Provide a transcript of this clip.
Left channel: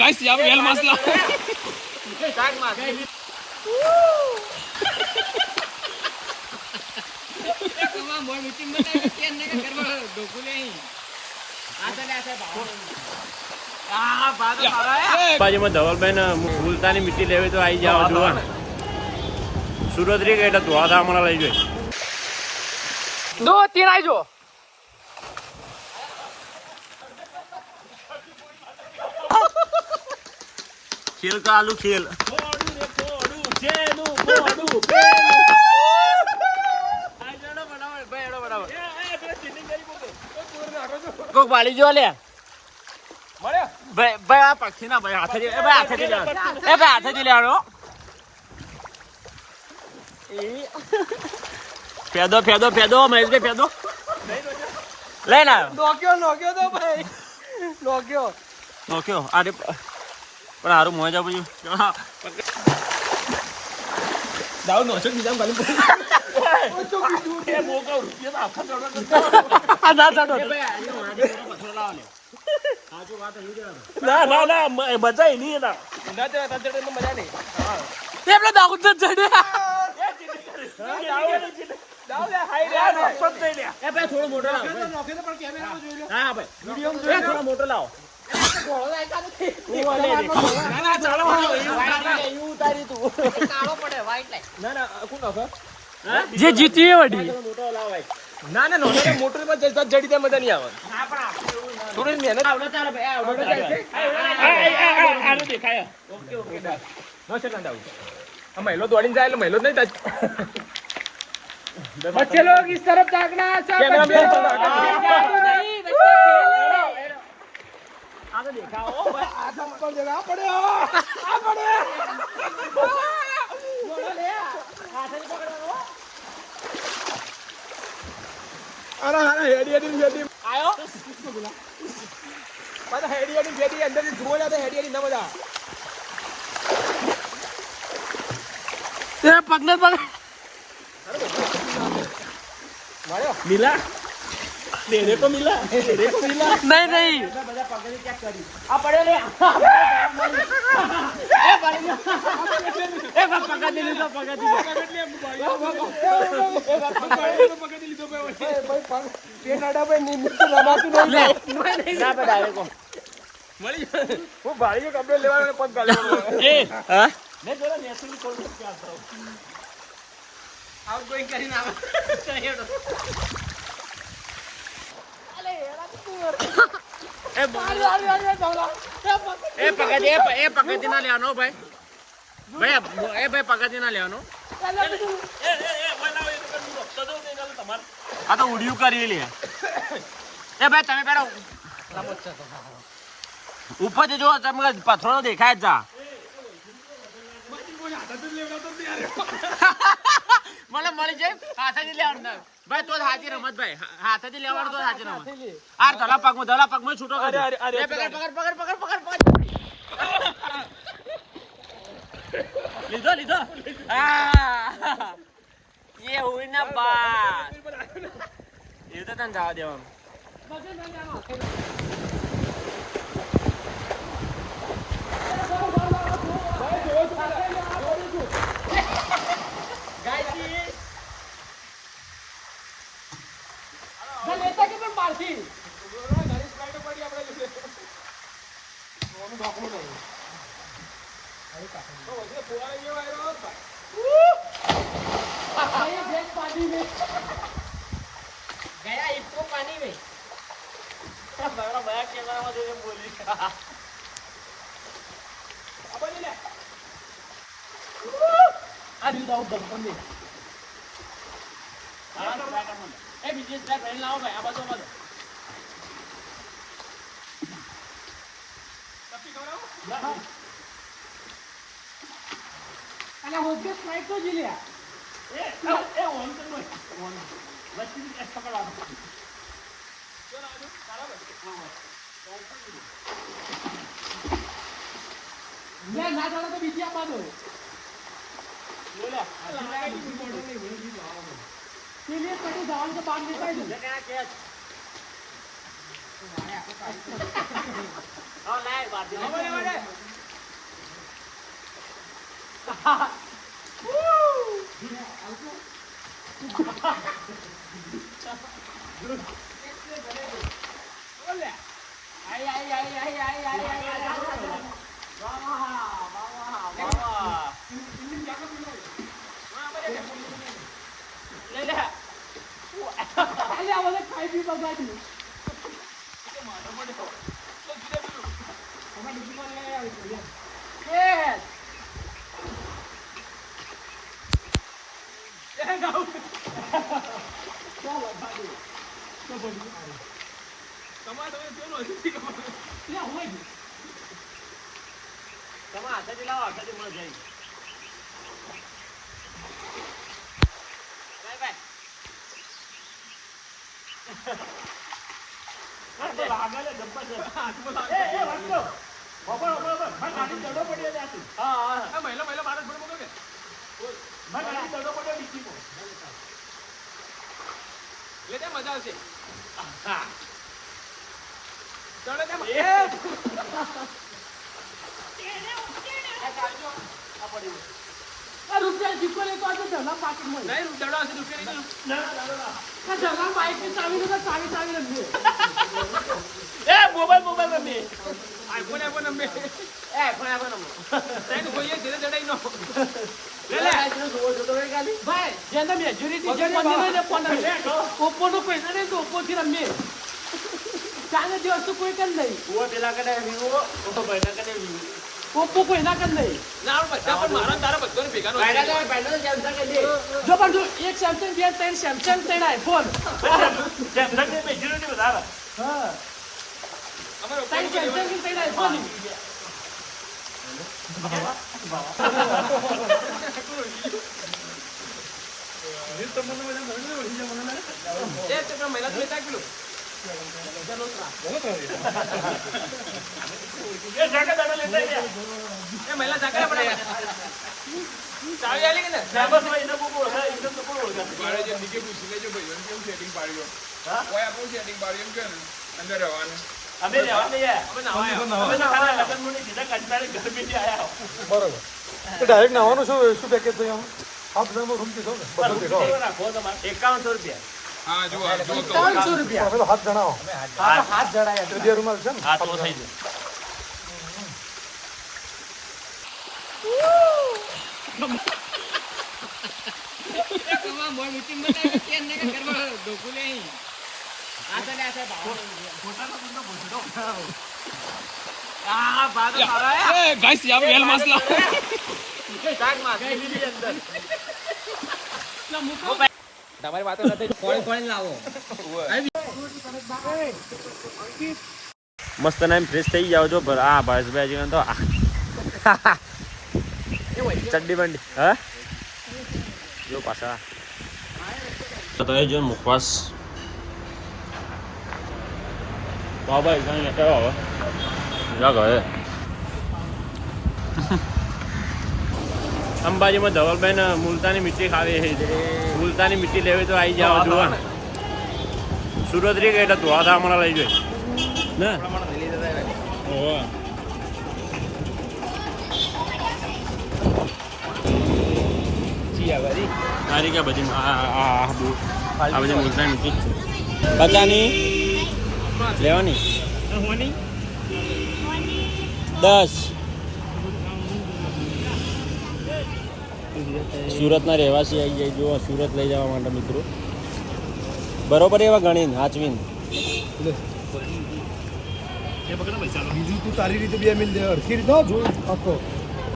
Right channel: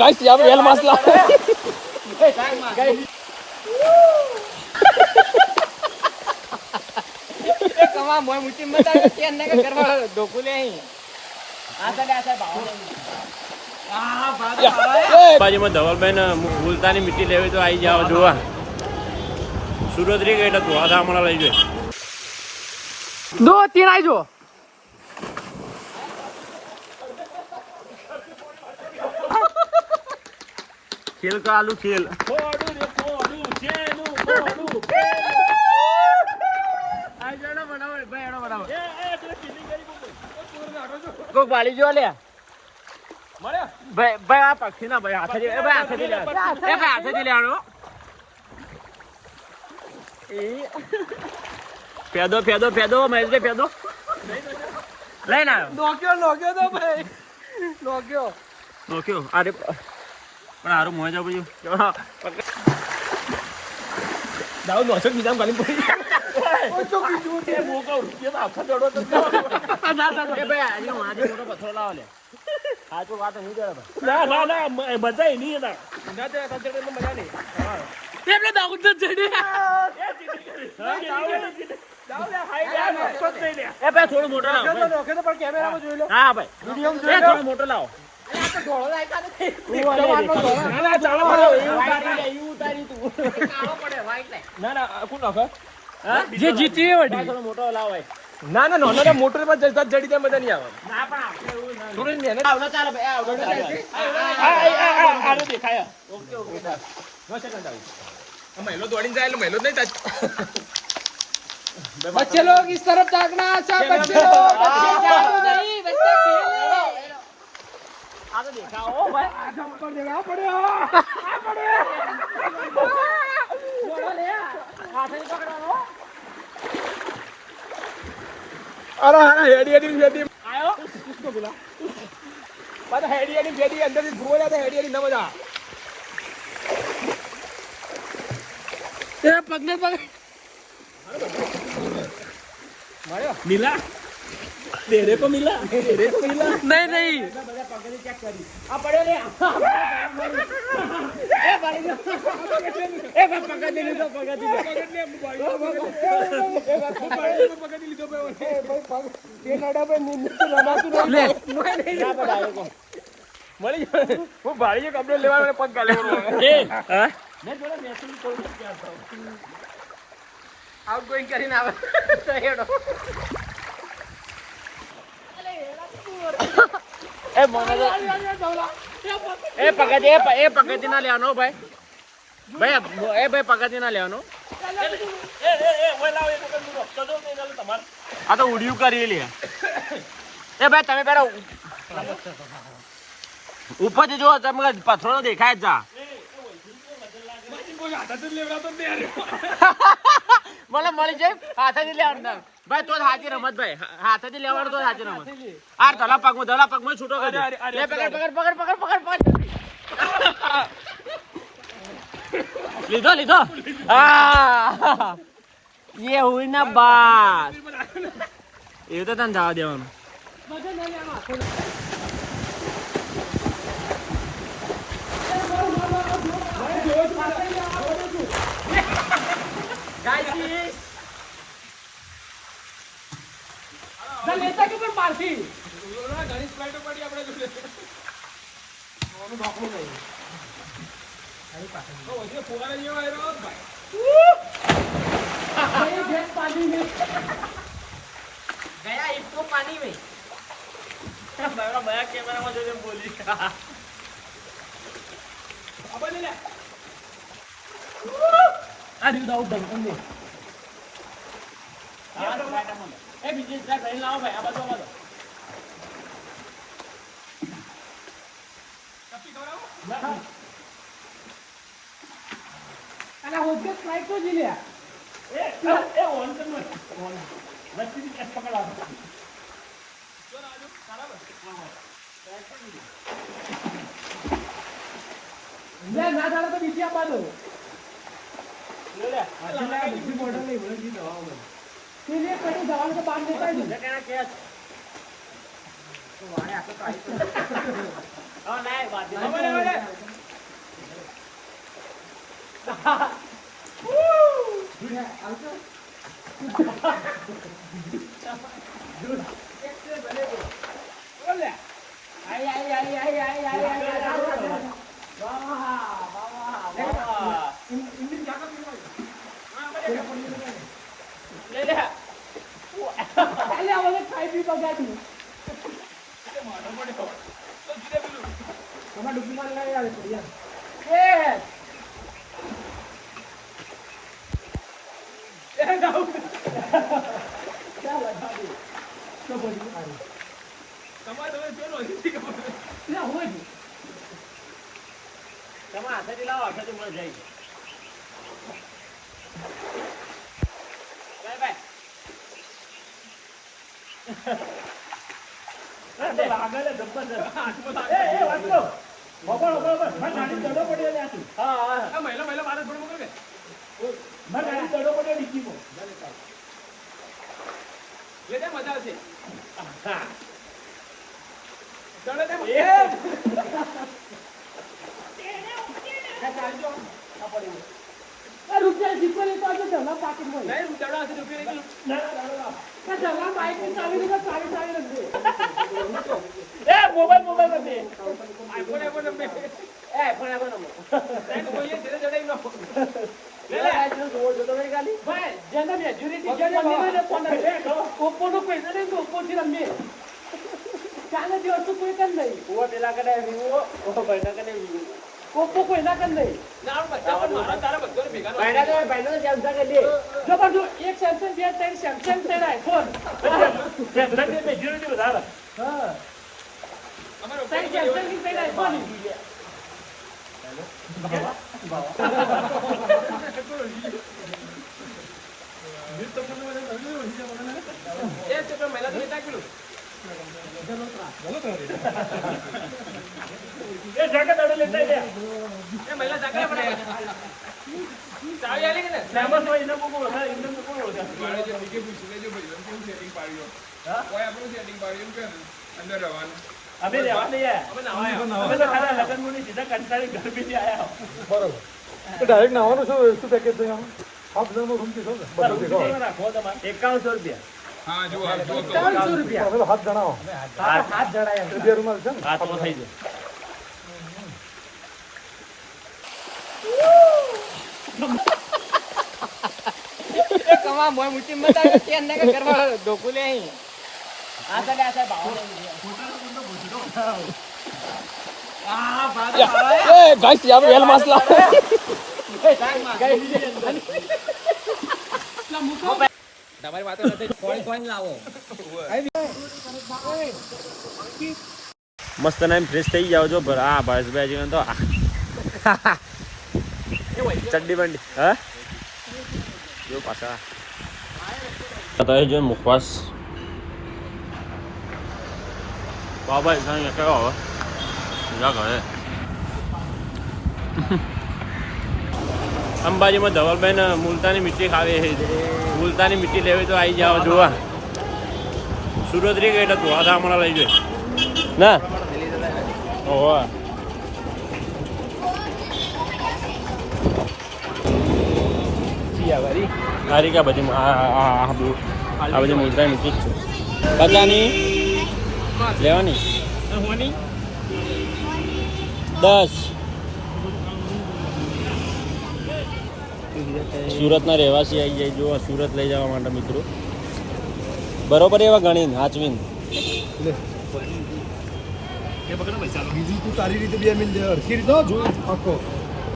guys या well मसला कमा मोय मुची मत तेन नाही का करवा डोकुले आता आता भाव બાજુમાં ધવલભાઈ ભૂલતાની મીઠી લેવી તો આવી જાવ જોવા સુરત રી એટલે ધોવા ધામણા લઈ જોઈએ दो तीन आई जो ખેલ કા આલુ ખેલ કોક વાલી જો લે ભાઈ આ પક્ષી ના ભાઈ હાથે એ ભાઈ હાથે લે એ ભાઈ હાથે લે આનો ફેદો ફેદો ફેદો મહેશભાઈ ફેદો લે ના लोग्यो तो भाई लोग्यो નોખ્યો અરે પણ હારું મોજ આપ્યું दाऊ नो छक निजाम बनी એ મોકો રૂપિયા આખા દોડો તો आ ना ना એ ભાઈ આનો આજે મોટો પથરો લાવ લે આ તો વાત નહીં કરે ના ના ના મજા નહીં એના ना ते तजड़े में मजा नहीं તે આપણે દાઉ તો ચડે दाऊ ले हाई ले એ ભાઈ થોડું મોટો લાવ नोखे तो पर कैमरा में જોઈ લો હા ભાઈ वीडियो में એ જોઈ લો થોડું મોટો લાવો ના ના ચાલો મારો ઉતારી તું કાળો પડે વાઈટ લાઈટ ના ના કોણ નોખો જે જીતી વડી મોટો લાવો ના ના નો ના મોટર પર જતા જડી દે મજા નહીં આવે ના પણ આપણે એવું સુરેશ મહેનત આવડો ચાલે ભાઈ આવડો આનું દેખાય ઓકે ઓકે નો સેકન્ડ આઉટ આ મહિલો દોડીને જાય એટલે મહિલો જ નહીં થાય बच्चे लोग इस तरफ ताकना अच्छा बच्चे लोग नहीं बच्चे खेलो आगे दिखाओ भाई आज हमको देना पड़ेगा आ पड़े बोलो ले हाथ से पकड़ो अरे हेडी हेडी हेडी आयो मारा हेडी हेडी हेडी अंदर से धुआ जाता हेडी हेडी न बजा तेरे पगने पग मारो મિલા તેરે કો મિલા नहीं नहीं आ पड़े ले ए पकड़ ले तो पकड़ ले पकड़ ली तो भाई पेनाडा पे नींद लगाती नहीं ले मળી હું ભાઈ કપડે લેવા પગ ગલે ए હા मैं જોડા નેશનલ કોલ નથી આવતો આઉટ ગોઈંગ કરીને આવે તો હેડો ए मोने ए पकड़ ना लेनो भाई भाई ए भाई पकड़ ना लेनो આ તો ઉડિયું કરી લે ए भाई તમે પેલા ઉપરથી જો તમે પથરો દેખાય જ જા મને મળી જાય હાથેથી લેવાનું ભાઈ તો હાજી રમત ભાઈ હાથેથી લેવાનું તો હાજી રમત આ ધડા પગમાં છૂટો કરી દે પકડ લીધો આ ये हुई ना बात ये तो तन जवा देવાનું લેતા કે પર મારતી गया इसको पानी में बड़ा कैमरा में जो बोल रही આ દીધા ઉપર અંદર ए बिजनेस भाई भाई लाओ भाई अब तो અલા હોજે સ્ટ્રાઇક તો જી લે ए वन कर लो वन वैसे भी कट पकड़ा લે ના જાણે તો બીજી આપવા દો ले ले આ બીજી બોર્ડર લઈ વળી દો सीनियर पड़ी जवान के बाद देता है क्या क्या वाले आपको तो हां नहीं बात नहीं રૂપિયા જીપોલી તો આજે ધના પાકીટ માં નહીં રૂપિયા હશે રૂપિયા ના ધના બાઈક ની ચાવી રૂપિયા ચાવી રખજો એ મોબાઈલ રમે આઈફોન રમે આઈફોન રમે તને કોઈ ધીરે ધીરે નો ભાઈ જેના મેજોરિટી જે મને ઓપ્પો નો પૈસા નહીં તો ઓપ્પો થી રમે ચાલે દિવસ તો કોઈ કર નહીં ઓ પેલા કડે વિવો ઓ ભાઈના કડે વિવો ઓપ્પો કોઈ ના કર નહીં ના બચ્ચા પણ મારા તારા બધો ભેગા ભાઈના સેમસંગ કે લે જો પણ જો એક સેમસંગ બે ત્રણ સેમસંગ ત્રણ આઈફોન સેમસંગ ની મેજોરિટી વધારે હા અમારો ત્રણ સેમસંગ ત્રણ આઈફોન એ જાકે દાડો લેતા ગયા એ મહિલા સાકર પડે ચાવી આલી કે ને ફેમસ હોય એને કોકો ઓળખે ઇન્દમ તો કોણ ઓળખે મારે જે નીચે પૂછી લેજો ભાઈ કેવું સેટિંગ પાડ્યું હા કોઈ આપણું સેટિંગ પાડ્યું કે અંદર રહેવાનું અમે રહેવા નહીં યાર હવે નાવા અમે તો ખાલી લગન મુની સીધા કંટાળી ઘર બી આયા બરોબર એ ડાયરેક્ટ નવાનું શું પેકેજ છે એમ આ બધાનો રૂમ કીધો ને પર રૂપિયા રાખો તમારે 5100 રૂપિયા હા જો આ જો 5100 રૂપિયા પેલો હાથ જણાવો હાથ જડાયા બે રૂમાલ છે ને હા તો થઈ ગયો કમા મોય મુચી મતા કે ને કરવા ડોકુ લે અહીં આ તો આ ભાવ આ બાદ પાડો એ ગાઈસ યાર વેલ માસલા તમારી વાતો નથી કોણ લાવો મસ્ત નામ ફ્રેશ થઈ જાવ જો પર આ ભાઈ તો ચડ્ડી બંડી હા જો પાછા તો એ જો મુખવાસ બાબા ઇસાને કેવો હવે જા ઘરે અંબાજીમાં ધવલભાઈ મુલતાની મીઠી ખાવી છે મુલતાની મીઠી લેવી તો આવી જાવ જોવા સુરત રી ગઈ એટલે ધોવા થા હમણાં લઈ જોઈ ના ઓહો આ રી બધી આ બધી મુલતાની મીઠી પચાની લેવાની 10 સુરતના રહેવાસી આવી જાય જો સુરત લઈ જવા માટે મિત્રો બરોબર એવા ગણીને હાચવીને બીજું તું તારી રીતે બે મિલ દે અડકી રીતે જોયું આખો